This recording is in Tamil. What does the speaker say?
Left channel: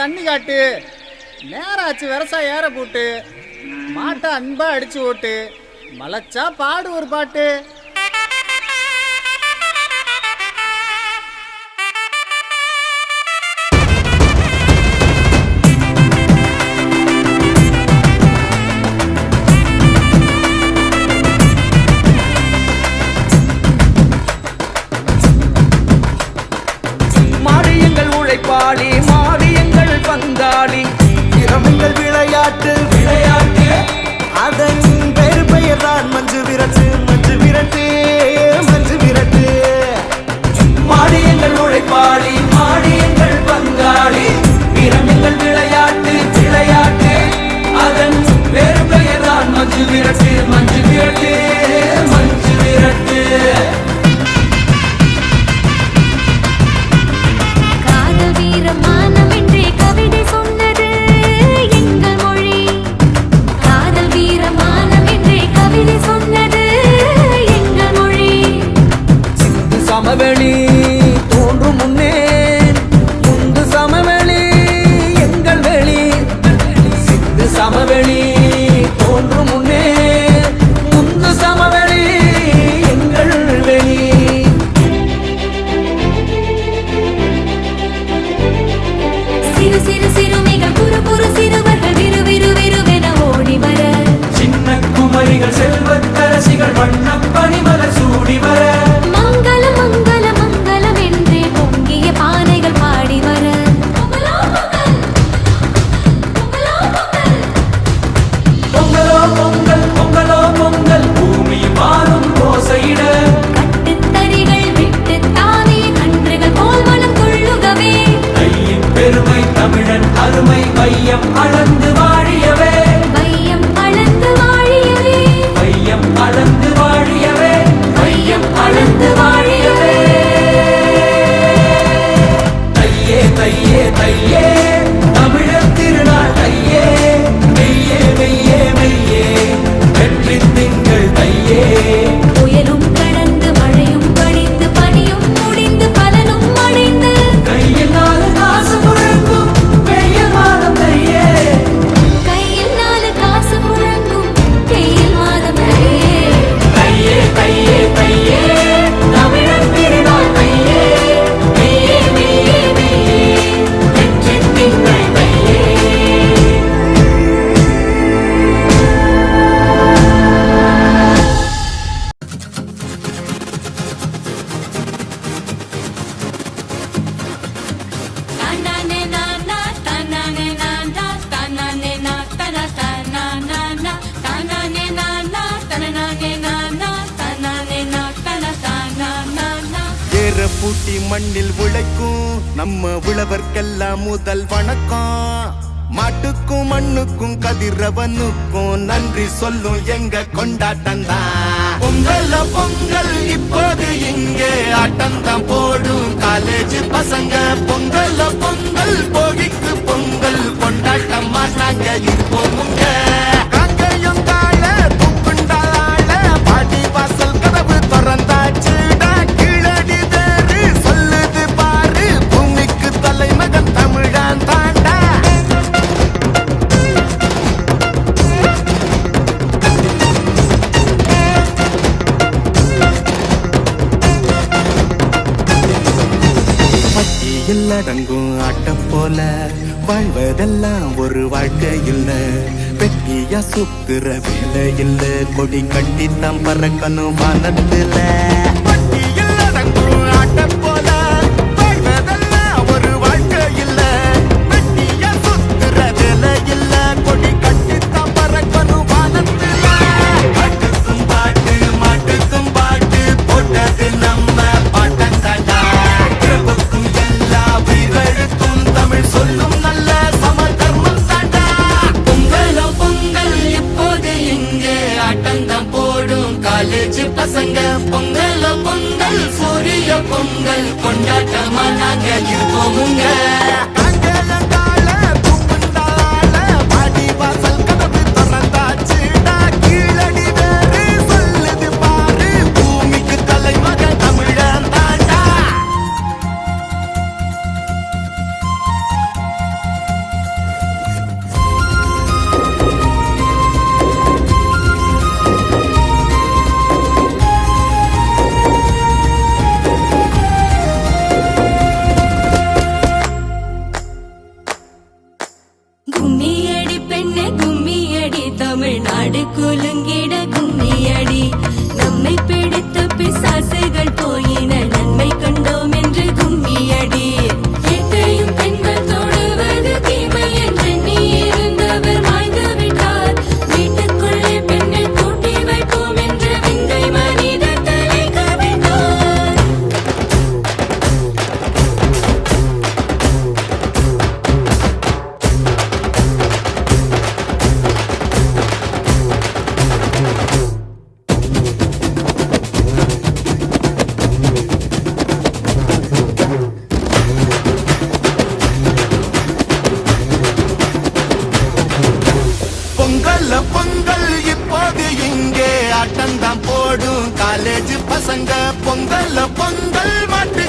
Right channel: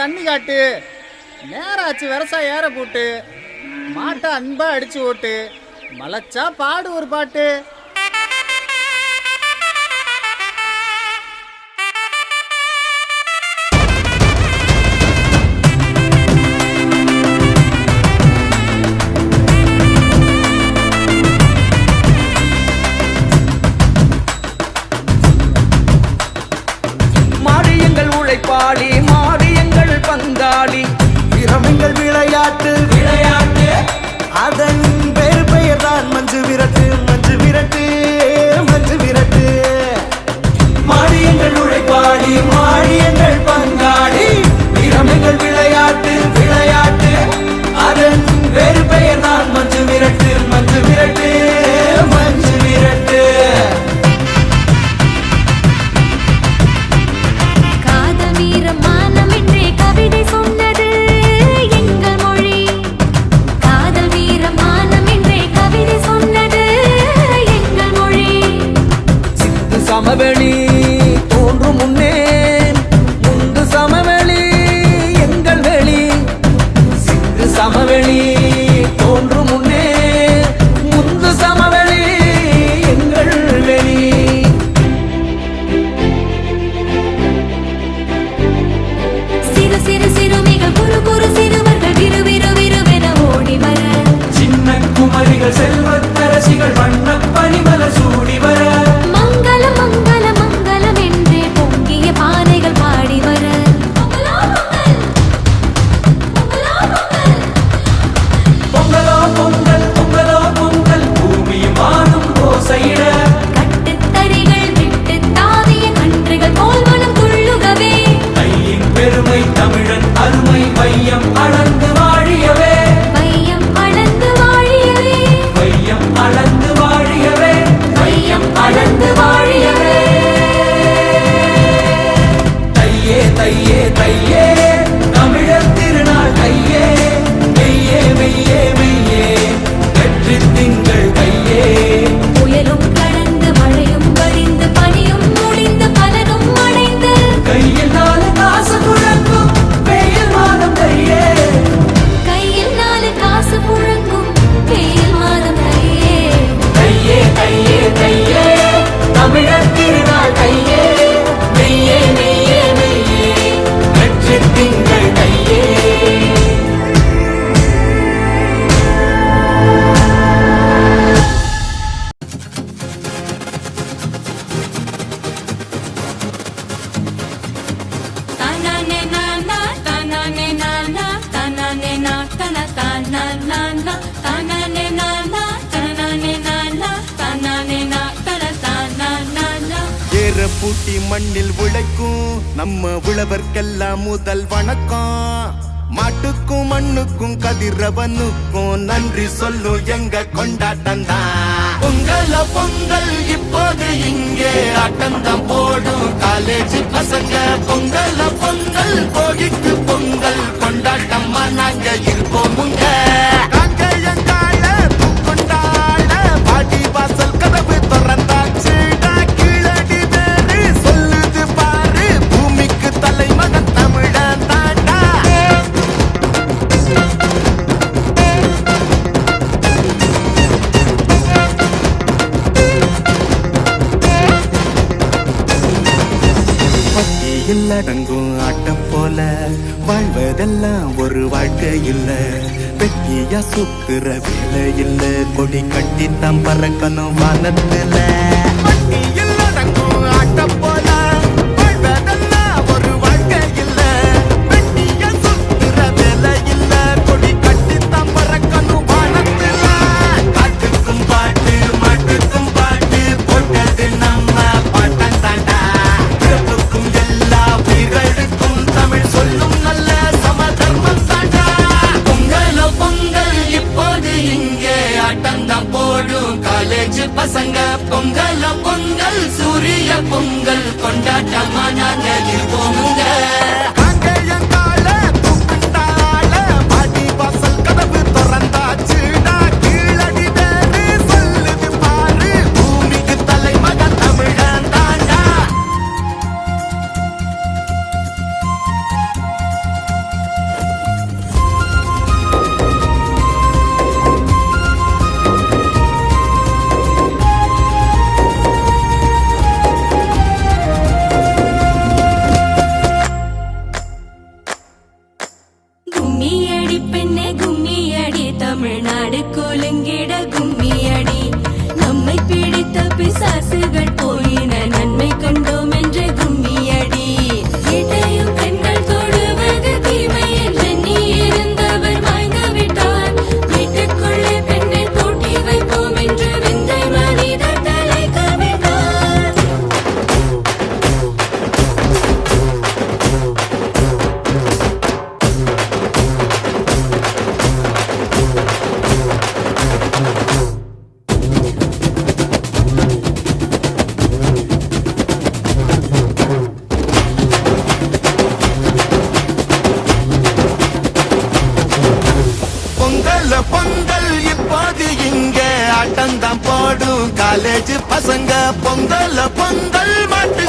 தண்ணி காட்டு, நேராச்சு விவசாய ஏற போட்டு, மாட்டை அன்பா அடிச்சு ஓட்டு, மலைச்சா பாடு ஒரு பாட்டு. உழைப்பாளி மாறியங்கள் பங்காளி திறமைகள் விளையாட்டு அதன் பெரு பெயர் தான் மஞ்சு விரட்டு மஞ்சு விரட்டு மஞ்சு விரட்டு. மாறியங்கள் உழைப்பாளி மாறியங்கள் பங்காளி திறமைகள் விளையாட்டு அதன் பெரு பெயர் தான் மஞ்சு விரட்டு மஞ்சு விரட்டு மஞ்சு விரட்டு. மானம் என்றே கவிதை சொன்னது எங்கள் மொழி. காதல் வீரமானம் என்றே கவிதை சொன்னது எங்கள் மொழி. சிந்து சமவெளி தோன்றும் முன்னே முந்து சமவெளி எங்கள் வெளி. சிந்து சமவெளி தோன்றும் முன்னே முந்து சமவெளி எங்கள் வெளி. சிறு சிறுமிகள் குறு குறு சிறுவர்கள் விறுவிறுவிறுவென ஓடி வர, சின்ன குமரிகள் செல்வத்தரசிகள் வண்ணப் பனிமலர் சூடி வர, மங்களம் மங்களம் மங்களம் என்றே பொங்கிய பானைகள் பாடி வர, பொங்கலோ பொங்கல் பொங்கலோ பொங்கல் பூமியும் வானும் ஓசையிட, கட்டுத்தறிகள் விட்டு தாவிய கன்றுகள் போல் மனம் துள்ளுகவே, கையின் பெருமை தமிழன் அருமை வையம் அளந்து வாழியவே, வையம் அளந்து வாழியவே, வையம் அளந்து வாழியவே, வையம் அளந்து வாழியவே. தையே தையே தையே தமிழர் திருநாள் தையே, மெய்யே மெய்யே மெய்யே வெற்றி திங்கள் தையே. புயலும் கடந்து மழையும் வழிந்து பனியும் முடிந்து பலனும் அடைந்து, கையில் 4 காசு புழங்கும் வெயில் மாதம் தையே, கையில் 4 காசு புழங்கும் வெயில் மாதம் தையே. தையே தையே தையே தமிழர் திருநாள் தையே, மெய்யே மெய்யே மெய்யே வெற்றி திங்கள் தையே. ஏற பூட்டி மண்ணில் உழைக்கும் நம்ம உழவர்க்கெல்லாம் முதல் வணக்கம். மாட்டுக்கும் மண்ணுக்கும் கதிரவனுக்கும் நன்றி சொல்லும் எங்க கொண்டாட்டம் தான். பொங்கல் பொங்கல் இப்போது இங்கே ஆட்டம் தான் போடும் காலேஜ் பசங்க. பொங்கல் பொங்கல் போகிக்கு பொங்கல் கொண்டாட்டமா நாங்க இருப்போம். பட்டியில் அடங்கும் ஆட்டம் போல வாழ்வதெல்லாம் ஒரு வாழ்க்கை இல்ல. வெட்டியா சுத்துற வேலை இல்ல, கொடி கட்டித்தான் பறக்கணும் வானத்துல. பொங்கல் கொண்டாட்டமா நாங்க இருப்போமுங்க. ஆட்டந்தான் போடும் காலேஜ் பசங்க பொங்கல் பொங்கல் மாட்டு